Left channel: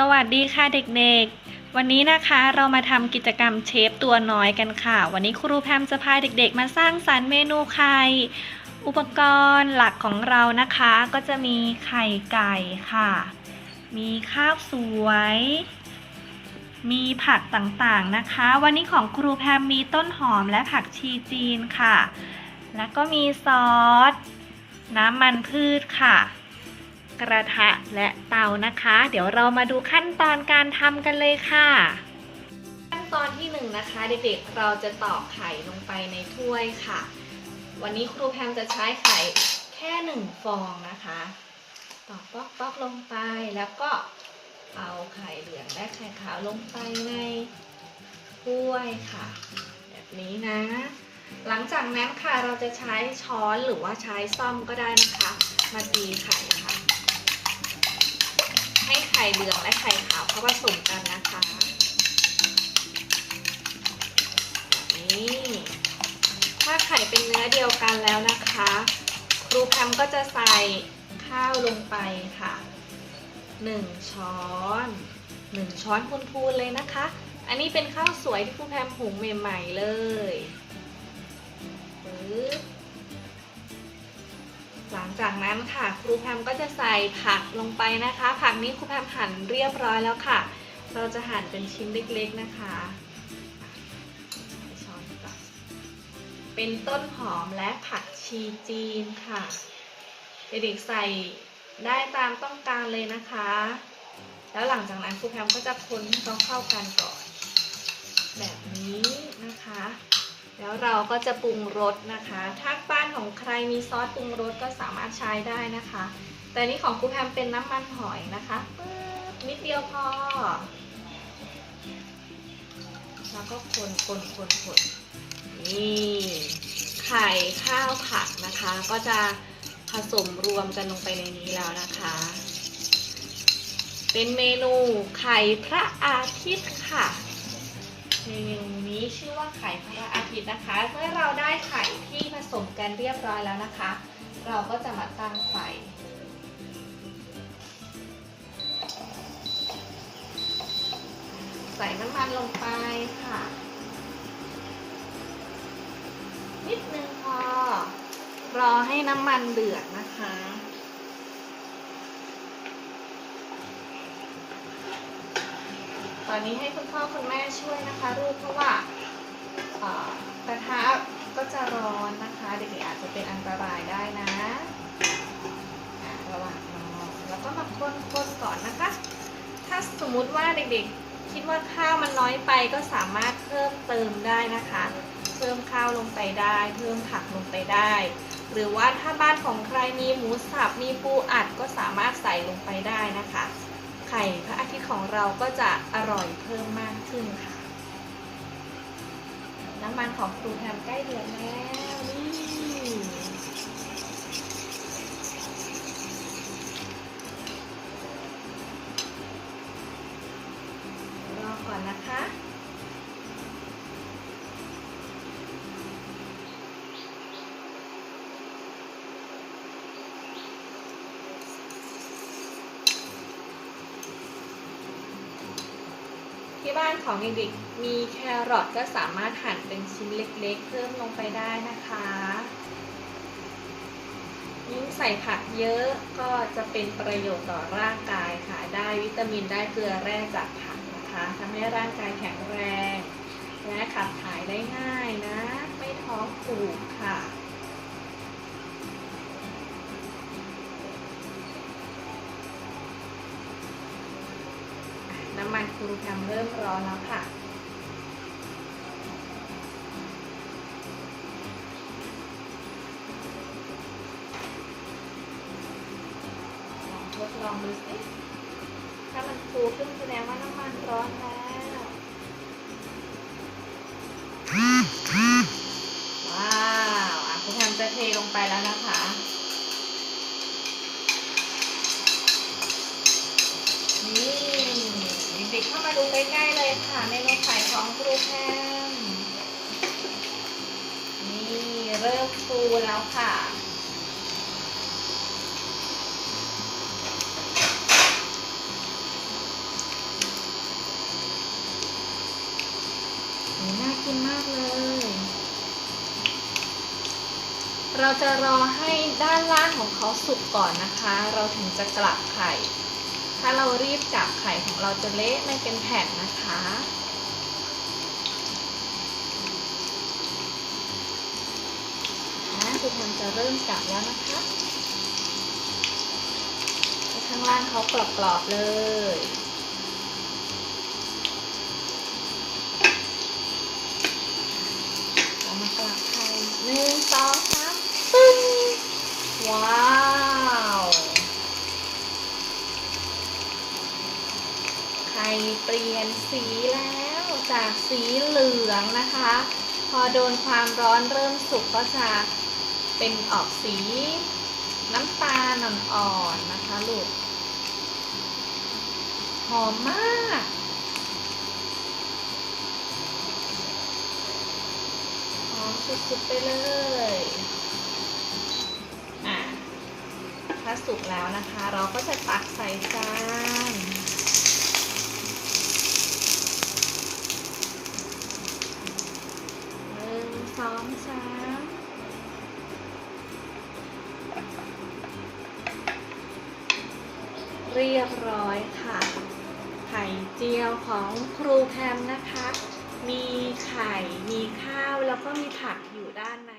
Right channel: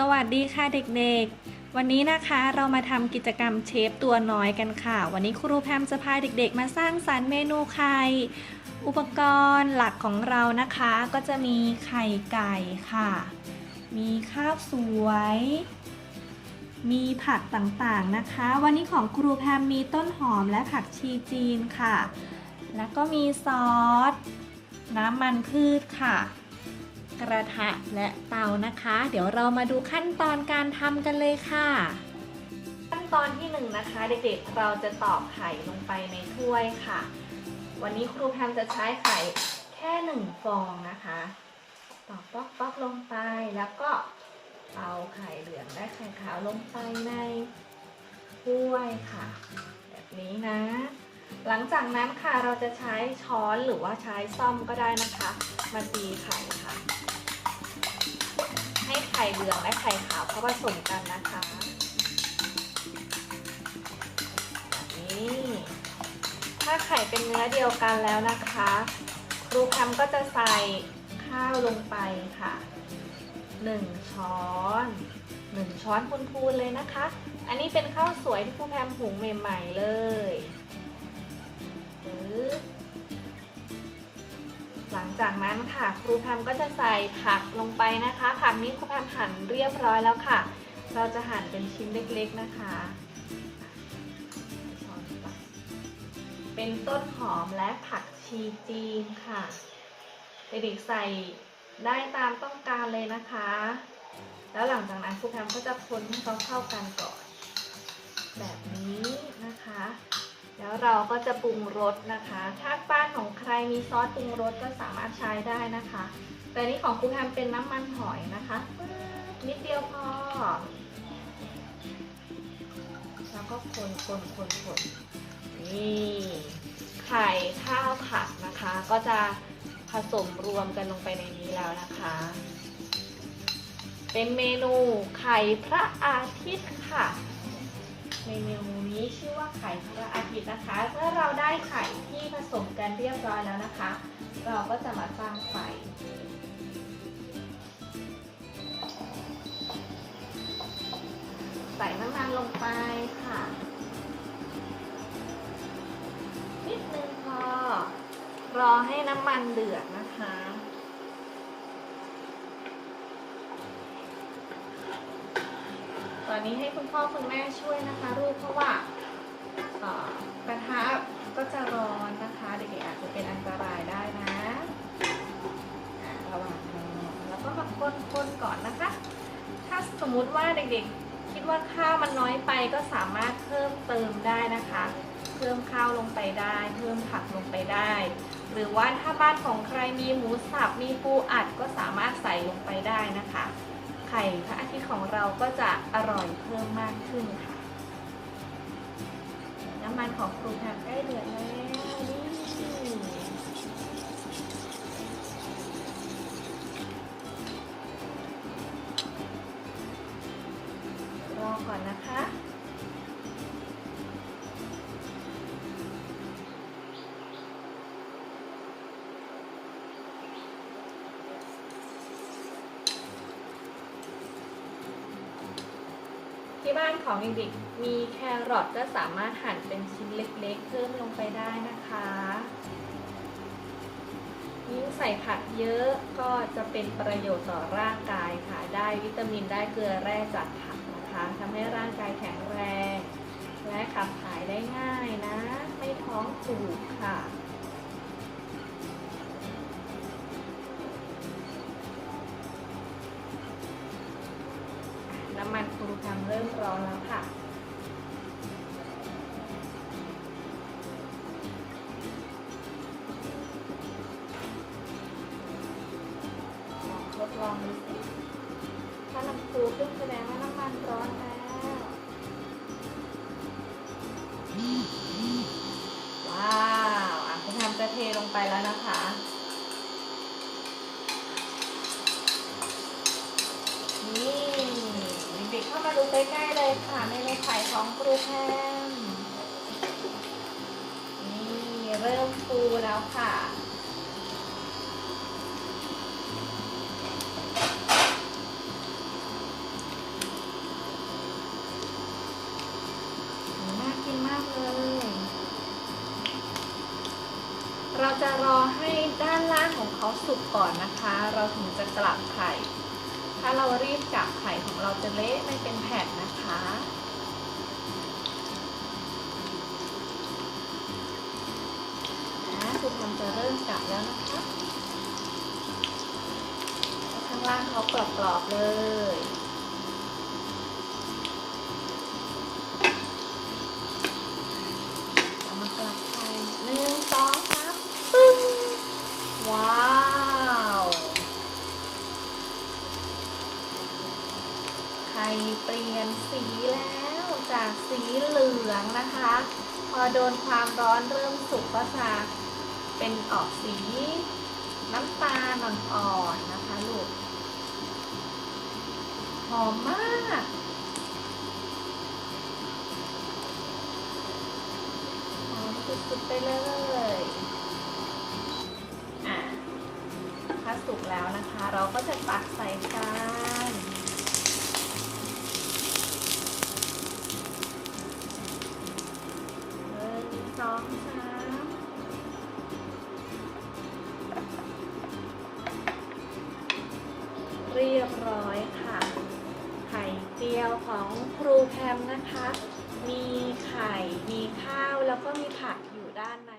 สวัสดีค่ะเด็กๆ วันนี้นะคะเรามาทำกิจกรรมเชฟตัวน้อยกันค่ะ วันนี้ครูแพมจะพาเด็กๆ มาสร้างสรรค์เมนูไข่ อุปกรณ์หลักของเรานะคะ ก็จะมีไข่ไก่ค่ะ มีข้าวสวย มีผักต่างๆนะคะ วันนี้ของครูแพมมีต้นหอมและผักชีจีนค่ะ แล้วก็มีซอส น้ำมันพืชค่ะ กระทะและเตานะคะ เดี๋ยวเรามาดูขั้นตอนการทำกันเลยค่ะ ขั้นตอนที่หนึ่งนะคะเด็กๆเราจะตอกไข่ลงไปในถ้วยค่ะ วันนี้ครูแพมจะใช้ไข่แค่หนึ่งฟองนะคะตอกป๊อกป๊อกลงไปแล้วก็เอาไข่เหลืองและไข่ขาวลงไปในถ้วยค่ะ แบบนี้นะ หลังจากนั้นค่ะเราจะใช้ช้อนหรือว่าใช้ซ่อมก็ได้นะคะ มาตีไข่ค่ะ ไข่เหลืองและไข่ขาวเข้าผสมกันนะคะนี้ถ้าไข่เป็นเนื้อเดียวกันแล้วนะคะครูแพมก็จะใส่ข้าวลงไปค่ะ 1 ช้อน 1 ช้อนพูนๆเลยนะคะ อันนี้เป็นข้าวสวยที่ครูแพมหุงใหม่ ๆ เลยปึ๊บ หลังจากนั้นค่ะครูแพมก็จะใส่ผักลงไปนะคะ ผักนี้ครูแพมหั่นเรียบร้อยแล้วค่ะ เราจะหั่นเป็นชิ้นเล็กๆนะคะเป็นต้นหอมและผักชีจีนค่ะ เด็กๆใส่ได้ตามต้องการเลยนะคะ แล้วหลังจากนั้นครูแพมก็จะคนให้เขาเข้ากันก่อนแบบนี้นะคะ แล้วเราก็จะปรุงรสนะคะ ถ้าบ้านของใครมีซอสปรุงรสก็สามารถใช้ได้นะคะ แต่นี่ของครูแพมเป็นน้ำมันหอยนะคะนิดเดียวพอแล้วก็คนคนคนคนนี่ไข่ข้าวผัดนะคะ ก็จะผสมรวมกันลงไปในนี้แล้วนะคะ เป็นเมนูไข่พระอาทิตย์ค่ะ เมนูนี้ชื่อว่าไข่พระอาทิตย์นะคะ เมื่อเราได้ไข่ที่ผสมกันเรียบร้อยแล้วนะคะ เราก็จะมาตั้งไฟใส่น้ำมันลงไปค่ะ นิดนึงพอ รอให้น้ำมันเดือดนะคะตอนนี้ให้คุณพ่อคุณแม่ช่วยนะคะลูกเพราะว่าเอ่อกระทะก็จะร้อนนะคะ เด็กๆอาจจะเป็นอันตรายได้นะอะระหว่างรอแล้วก็มาคนๆก่อนนะคะ ถ้าส มมุติว่าเด็กๆ คิดว่าข้าวมันน้อยไปก็สามารถเพิ่มเติมได้นะคะ เพิ่มข้าวลงไปได้ เพิ่มผักลงไปได้ หรือว่าถ้าบ้านของใครมีหมูสับมีปูอัดก็สามารถใส่ลงไปได้นะคะ ไข่พระอาทิตย์ของเราก็จะอร่อยเพิ่มมากขึ้นค่ะ น้ำมันของครูแพมใกล้เดือดแล้ว บ้านของเด็กๆมีแครอทก็สามารถหั่นเป็นชิ้นเล็กๆ เพิ่มลงไปได้นะคะยิ่งใส่ผักเยอะก็จะเป็นประโยชน์ต่อร่างกายค่ะ ได้วิตามินได้เกลือแร่จากผักนะคะทำให้ร่างกายแข็งแรง และขับถ่ายได้ง่ายนะ ร้อนแล้วค่ะ ทดลองดูสิถ้ามันฟูขึ้นแสดงว่าน้ำมันร้อนแล้วว้าวอะคุณทำจะเทลงไปแล้วนะคะ มาดูใกล้ๆเลยค่ะ เมนูไข่ของครูแพมนี่เริ่มฟูแล้วค่ะน่ากินมากเลย เราจะรอให้ด้านล่างของเขาสุกก่อนนะคะ เราถึงจะกลับไข่ ถ้าเรารีบจับไข่ของเราจะเละไม่เป็นแผ่นนะคะ นะคุณมันจะเริ่มจับแล้วนะคะ ข้างล่างเขากรอบๆเลย เอามากลับไข่หนึ่งสองสามปึ้งว้าว ไข่เปลี่ยน สีแล้วจากสีเหลืองนะคะ พอโดนความร้อนเริ่มสุกก็จะเป็นออกสีน้ำตาลอ่อนๆนะคะลูกหอมมากหอมสุดๆไปเลยอะถ้าสุกแล้วนะคะ เราก็จะตักใส่จาน เจียวของครูแพมนะคะ มีไข่ มีข้าว แล้วก็มีผักอยู่ด้านใน